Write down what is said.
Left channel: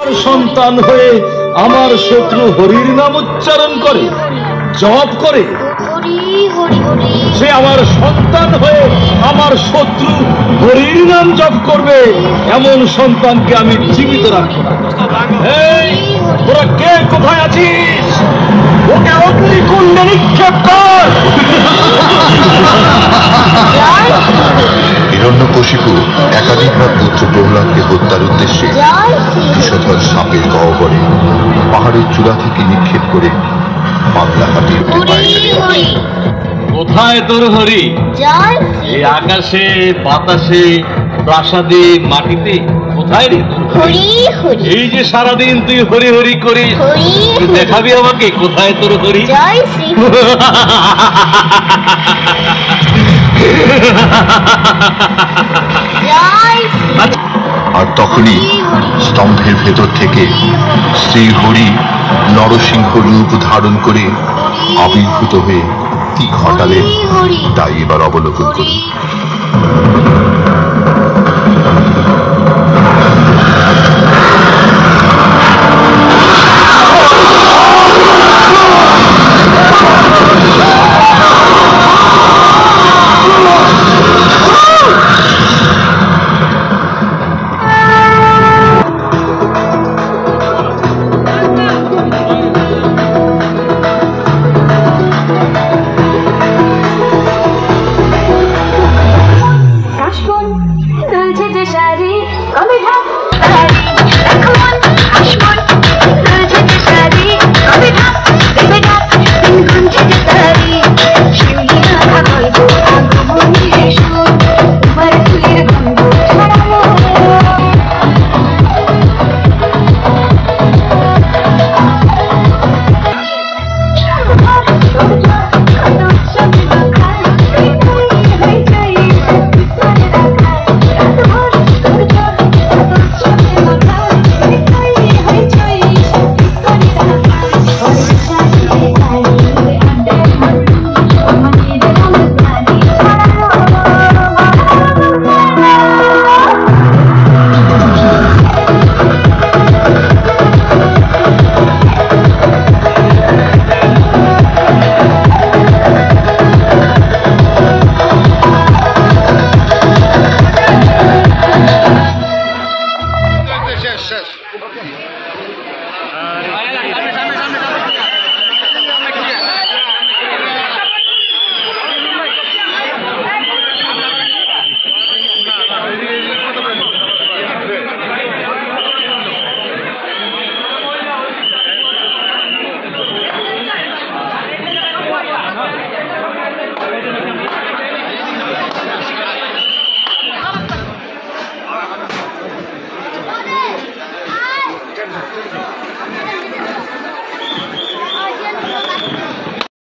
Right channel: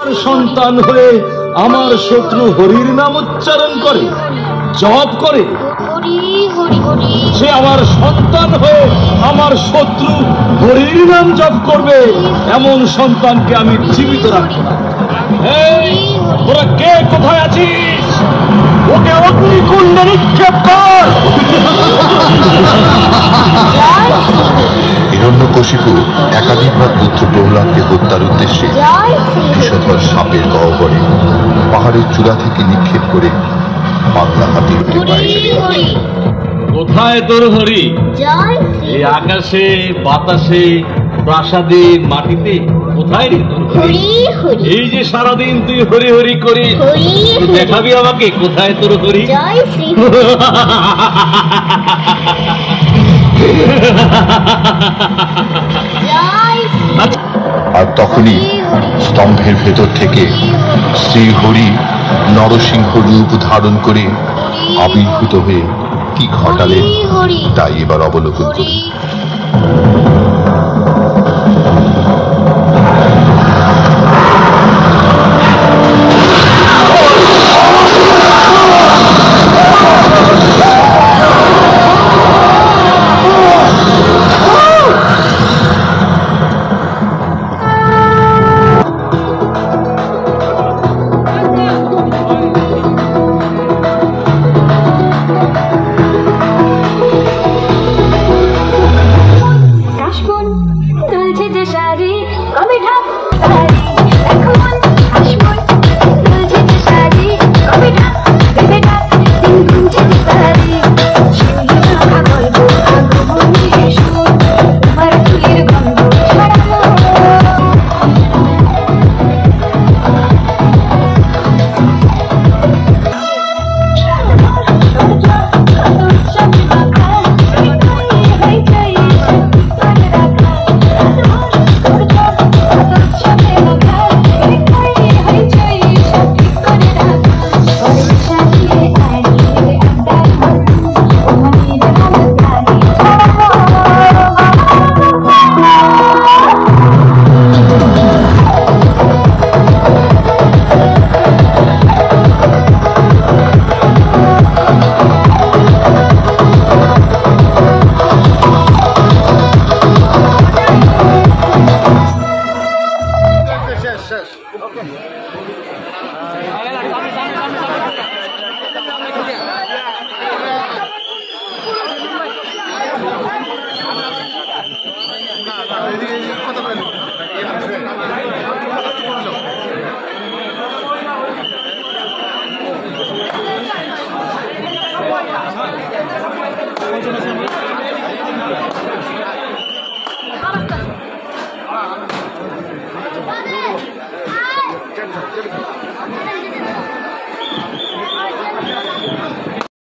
সন্তান হয়ে আমার শত্রু হরির নাম উচ্চারণ করে, জপ করে, সে আমার সন্তান হয়ে আমার শত্রু হরির নাম জপ করবে, এমন সন্তানকে আমি জীবিত রাখবো না। এই তোরা কে কোথায় আছিস? ওকে অগ্নিকুণ্ডে নিক্ষেপ কর। হিরণ্যকশিপু একাধিকবার পুত্র প্রহ্লাদকে হত্যার উদ্দেশ্যে বিষধর সাপের গহ্বরে পাহাড়ের চূড়া থেকে নিক্ষেপ করে পাগলা হাতির পায়ে ফেলে। কোথায় তোর হরি? এই আকাশে, বাতাসে, প্রাসাদে, মাটিতে কোথায় রে? এই যে সারাদিন তুই হরি হরি করিস, দেখাবি আমাকে কোথায় তোর হরি? আর তখনই স্তম্ভের ভেতর থেকে শ্রী হরি নরসিংহ রূপ ধারণ করে আবির্ভূত হয়ে কি ঘটালেন তাই এবার অবলোকন করি। Thank you.